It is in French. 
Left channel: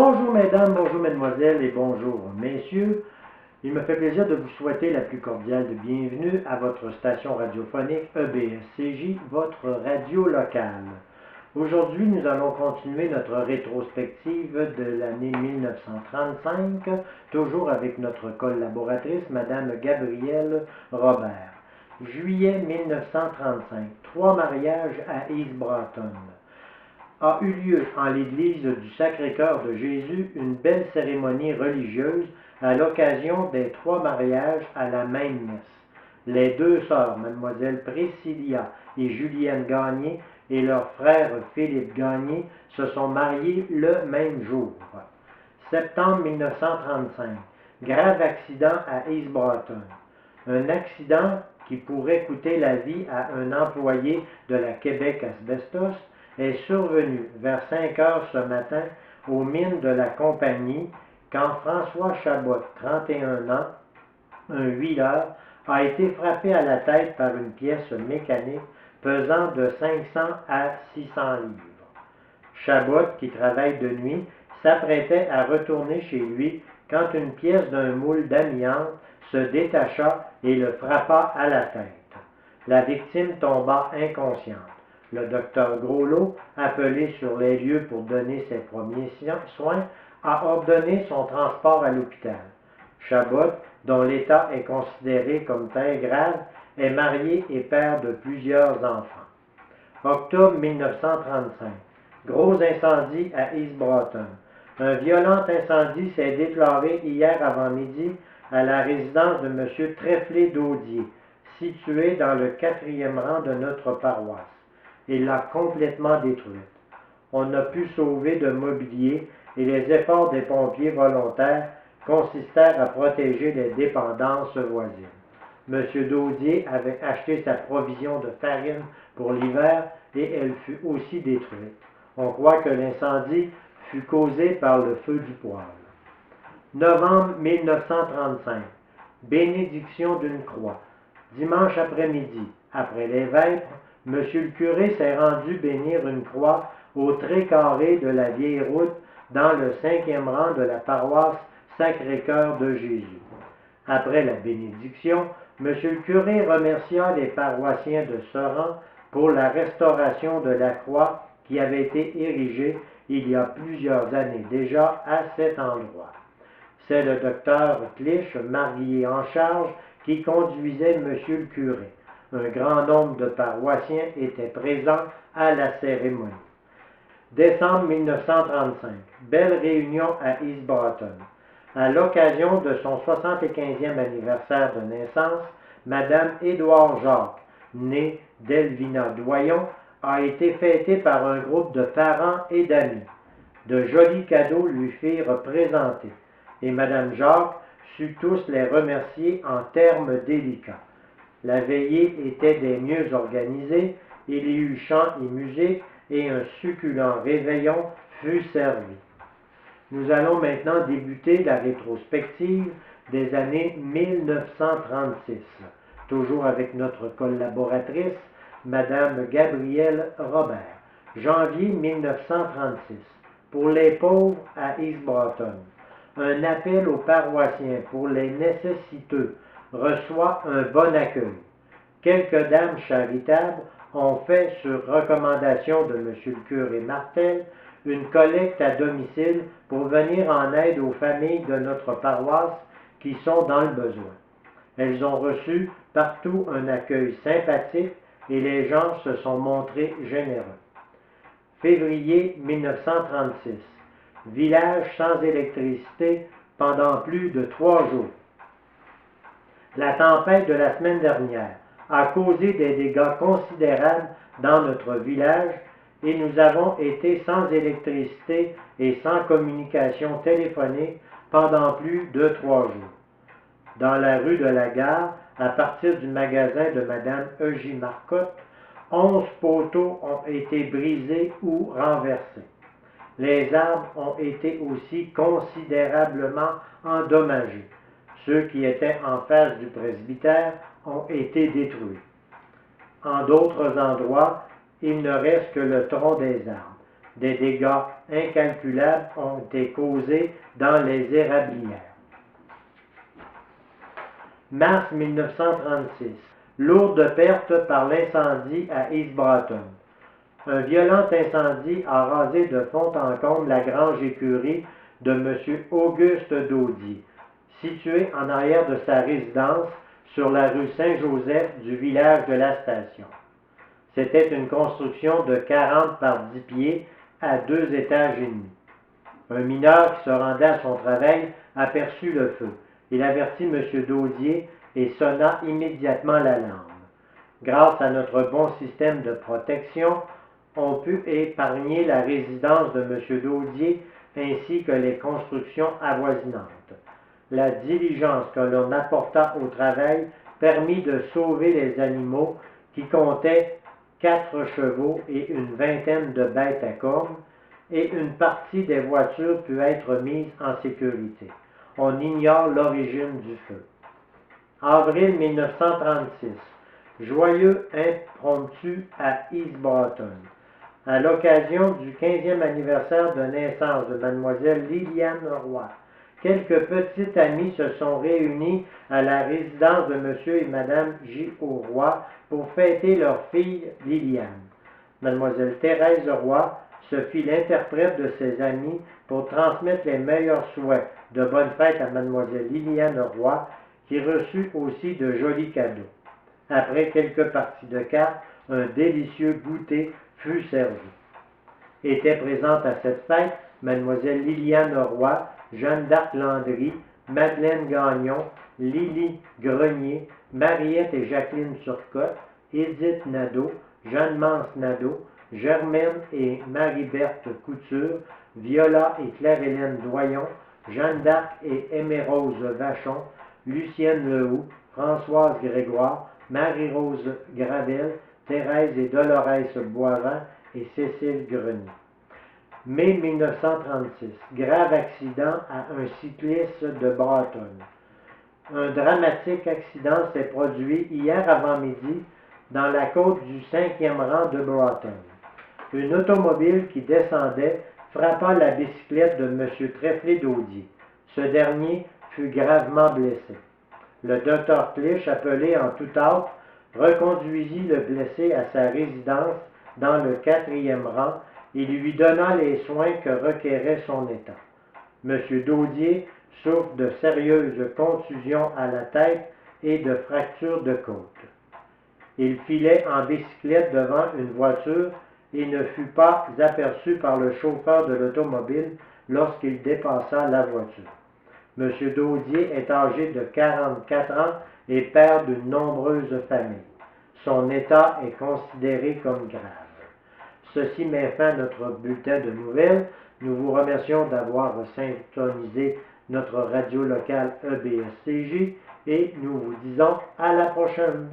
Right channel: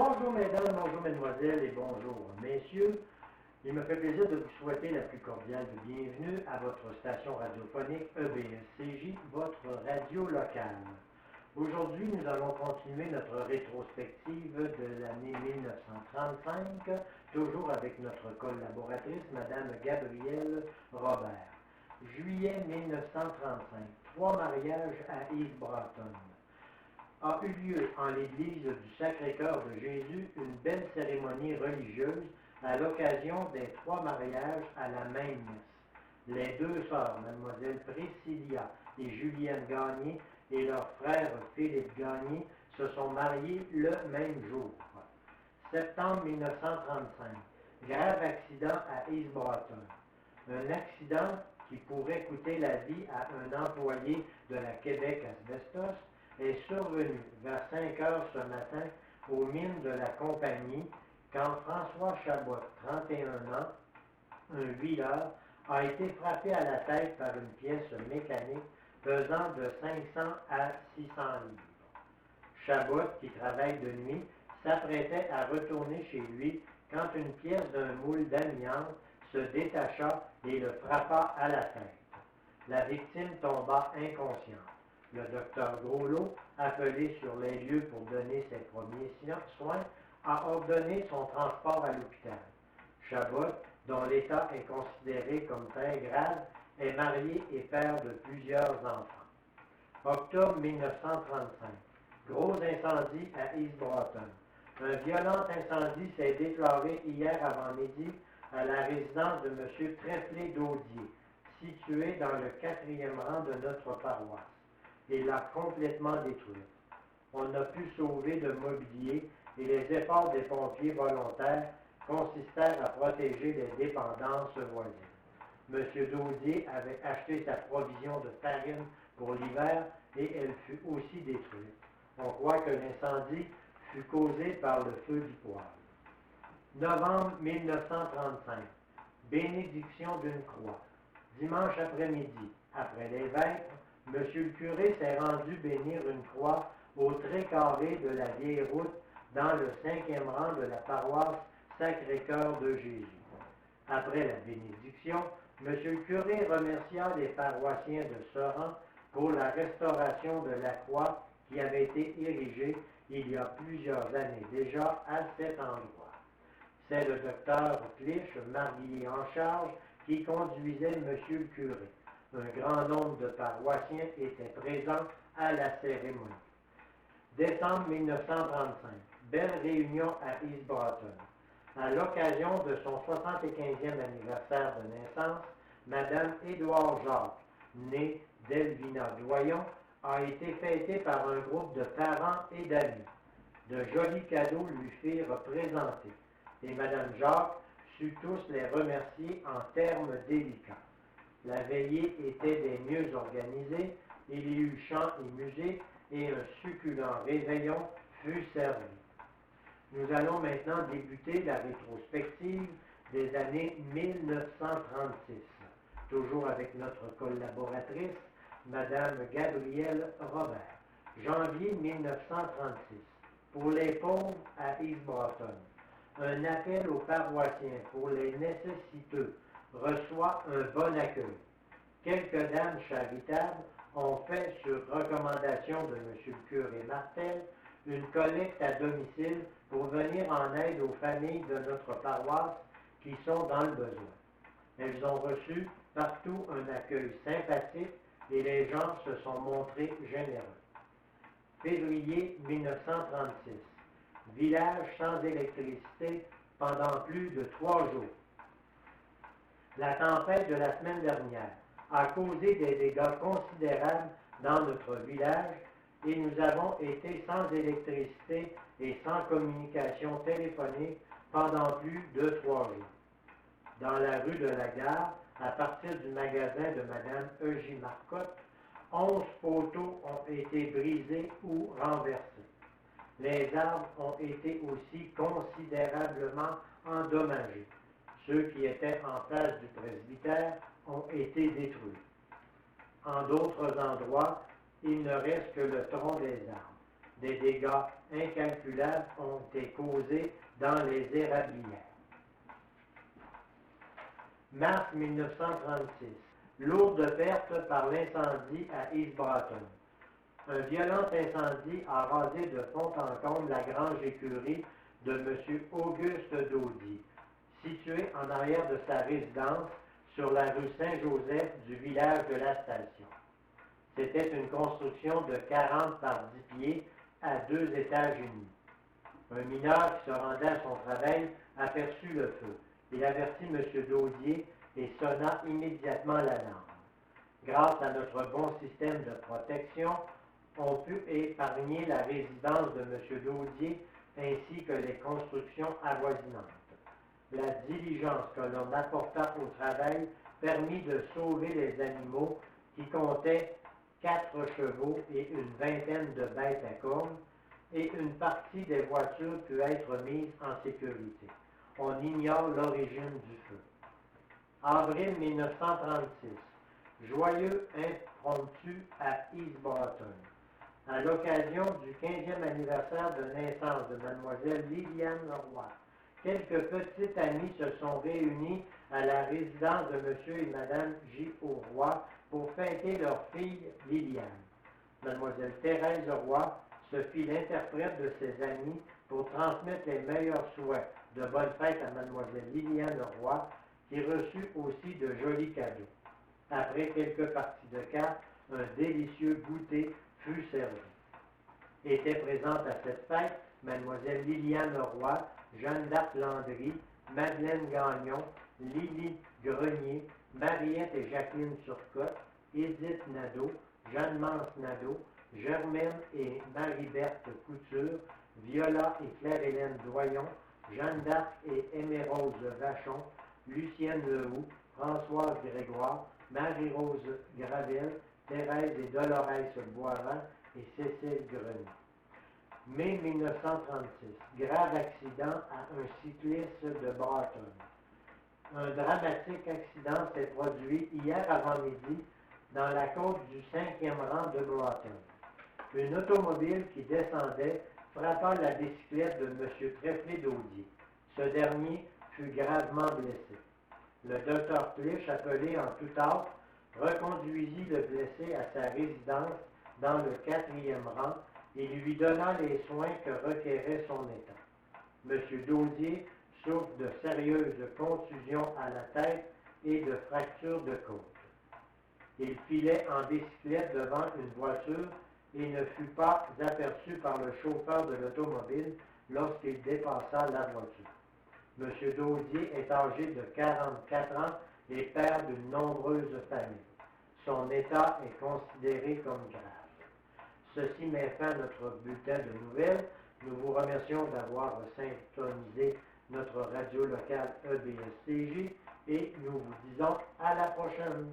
Bonjour mesdames, bonjour mesdemoiselles et bonjour messieurs. Il me fait plaisir de vous souhaiter la plus cordiale de bienvenue à votre station radiophonique EBSCJ, votre radio locale. Aujourd'hui, nous allons continuer notre rétrospective de l'année 1935, toujours avec notre collaboratrice, Madame Gabrielle Robert. Juillet 1935, 3 mariages à East Broughton. A eu lieu en l'église du Sacré-Cœur de Jésus une belle cérémonie religieuse à l'occasion des 3 mariages à la même messe. Les 2 sœurs, Mademoiselle Priscilla et Julienne Gagné, et leur frère Philippe Gagné, se sont mariés le même jour. Septembre 1935, grave accident à East Broughton. Un accident qui pourrait coûter la vie à un employé de la Québec Asbestos est survenu vers 5 heures ce matin aux mines de la compagnie quand François Chabot, 31 ans, un huileur, a été frappé à la tête par une pièce mécanique pesant de 500 à 600 livres. Chabot, qui travaille de nuit, s'apprêtait à retourner chez lui quand une pièce d'un moule d'amiante se détacha et le frappa à la tête. La victime tomba inconsciente. Le docteur Groslot, appelé sur les lieux pour donner ses premiers soins, a ordonné son transport à l'hôpital. Chabot, dont l'état est considéré comme très grave, est marié et père de plusieurs enfants. Octobre 1935. Gros incendie à East Broughton. Un violent incendie s'est déclaré hier avant-midi à la résidence de M. Trefflé d'Audier, située dans le 4e rang de notre paroisse. Il l'a complètement détruite. On n'a pu sauver de mobilier et les efforts des pompiers volontaires consistèrent à protéger les dépendances voisines. M. Daudier avait acheté sa provision de farine pour l'hiver et elle fut aussi détruite. On croit que l'incendie fut causé par le feu du poêle. Novembre 1935. Bénédiction d'une croix. Dimanche après-midi, après les vêpres, M. le curé s'est rendu bénir une croix au Trait-Carré de la Vieille Route dans le 5e rang de la paroisse Sacré-Cœur de Jésus. Après la bénédiction, M. le curé remercia les paroissiens de ce rang pour la restauration de la croix qui avait été érigée il y a plusieurs années déjà à cet endroit. C'est le docteur Clich, marié en charge, qui conduisait M. le curé. Un grand nombre de paroissiens étaient présents à la cérémonie. Décembre 1935. Belle réunion à East Broughton. À l'occasion de son 75e anniversaire de naissance, Mme Édouard Jacques, née d'Elvina Doyon, a été fêtée par un groupe de parents et d'amis. De jolis cadeaux lui furent présentés, et Mme Jacques sut tous les remercier en termes délicats. La veillée était des mieux organisées, il y eut chant et musique, et un succulent réveillon fut servi. Nous allons maintenant débuter la rétrospective des années 1936, toujours avec notre collaboratrice, Madame Gabrielle Robert. Janvier 1936. Pour les pauvres à East Broughton. Un appel aux paroissiens pour les nécessiteux reçoit un bon accueil. Quelques dames charitables ont fait, sur recommandation de M. le curé Martel, une collecte à domicile pour venir en aide aux familles de notre paroisse qui sont dans le besoin. Elles ont reçu partout un accueil sympathique et les gens se sont montrés généreux. Février 1936. Village sans électricité pendant plus de 3 jours. La tempête de la semaine dernière a causé des dégâts considérables dans notre village et nous avons été sans électricité et sans communication téléphonique pendant plus de 3 jours. Dans la rue de la Gare, à partir du magasin de Mme Eugénie Marcotte, 11 poteaux ont été brisés ou renversés. Les arbres ont été aussi considérablement endommagés. Ceux qui étaient en face du presbytère ont été détruits. En d'autres endroits, il ne reste que le tronc des arbres. Des dégâts incalculables ont été causés dans les érablières. Mars 1936. Lourde perte par l'incendie à East Broughton. Un violent incendie a rasé de fond en comble la grange écurie de M. Auguste Daudier, située en arrière de sa résidence sur la rue Saint-Joseph du village de la Station. C'était une construction de 40 par 10 pieds à 2 étages et demi. Un mineur qui se rendait à son travail aperçut le feu. Il avertit M. Daudier et sonna immédiatement l'alarme. Grâce à notre bon système de protection, on put épargner la résidence de M. Daudier ainsi que les constructions avoisinantes. La diligence que l'on apporta au travail permit de sauver les animaux qui comptaient 4 chevaux et une vingtaine de bêtes à cornes, et une partie des voitures put être mise en sécurité. On ignore l'origine du feu. Avril 1936. Joyeux impromptu à East Broughton. À l'occasion du 15e anniversaire de naissance de Mlle Liliane Roy, quelques petites amies se sont réunies à la résidence de M. et Mme J. Roy pour fêter leur fille Liliane. Mlle Thérèse Roy se fit l'interprète de ses amis pour transmettre les meilleurs souhaits de bonne fête à Mlle Liliane Roy, qui reçut aussi de jolis cadeaux. Après quelques parties de cartes, un délicieux goûter fut servi. Étaient présentes à cette fête Mlle Liliane Roy, Jeanne d'Arc Landry, Madeleine Gagnon, Lily Grenier, Mariette et Jacqueline Turcotte, Édith Nadeau, Jeanne-Mance Nadeau, Germaine et Marie-Berthe Couture, Viola et Claire-Hélène Doyon, Jeanne d'Arc et Aimée-Rose Vachon, Lucienne Lehoux, Françoise Grégoire, Marie-Rose Gravel, Thérèse et Dolores Boivin et Cécile Grenier. Mai 1936. Grave accident à un cycliste de Broughton. Un dramatique accident s'est produit hier avant-midi dans la côte du 5e rang de Broughton. Une automobile qui descendait frappa la bicyclette de M. Trefflé-Daudier. Ce dernier fut gravement blessé. Le docteur Clich, appelé en tout hâte, reconduisit le blessé à sa résidence dans le 4e rang et lui donna les soins que requérait son état. M. Daudier souffre de sérieuses contusions à la tête et de fractures de côte. Il filait en bicyclette devant une voiture et ne fut pas aperçu par le chauffeur de l'automobile lorsqu'il dépassa la voiture. M. Daudier est âgé de 44 ans et père d'une nombreuse famille. Son état est considéré comme grave. Ceci met fin à notre bulletin de nouvelles. Nous vous remercions d'avoir syntonisé notre radio locale EBSCJ et nous vous disons à la prochaine.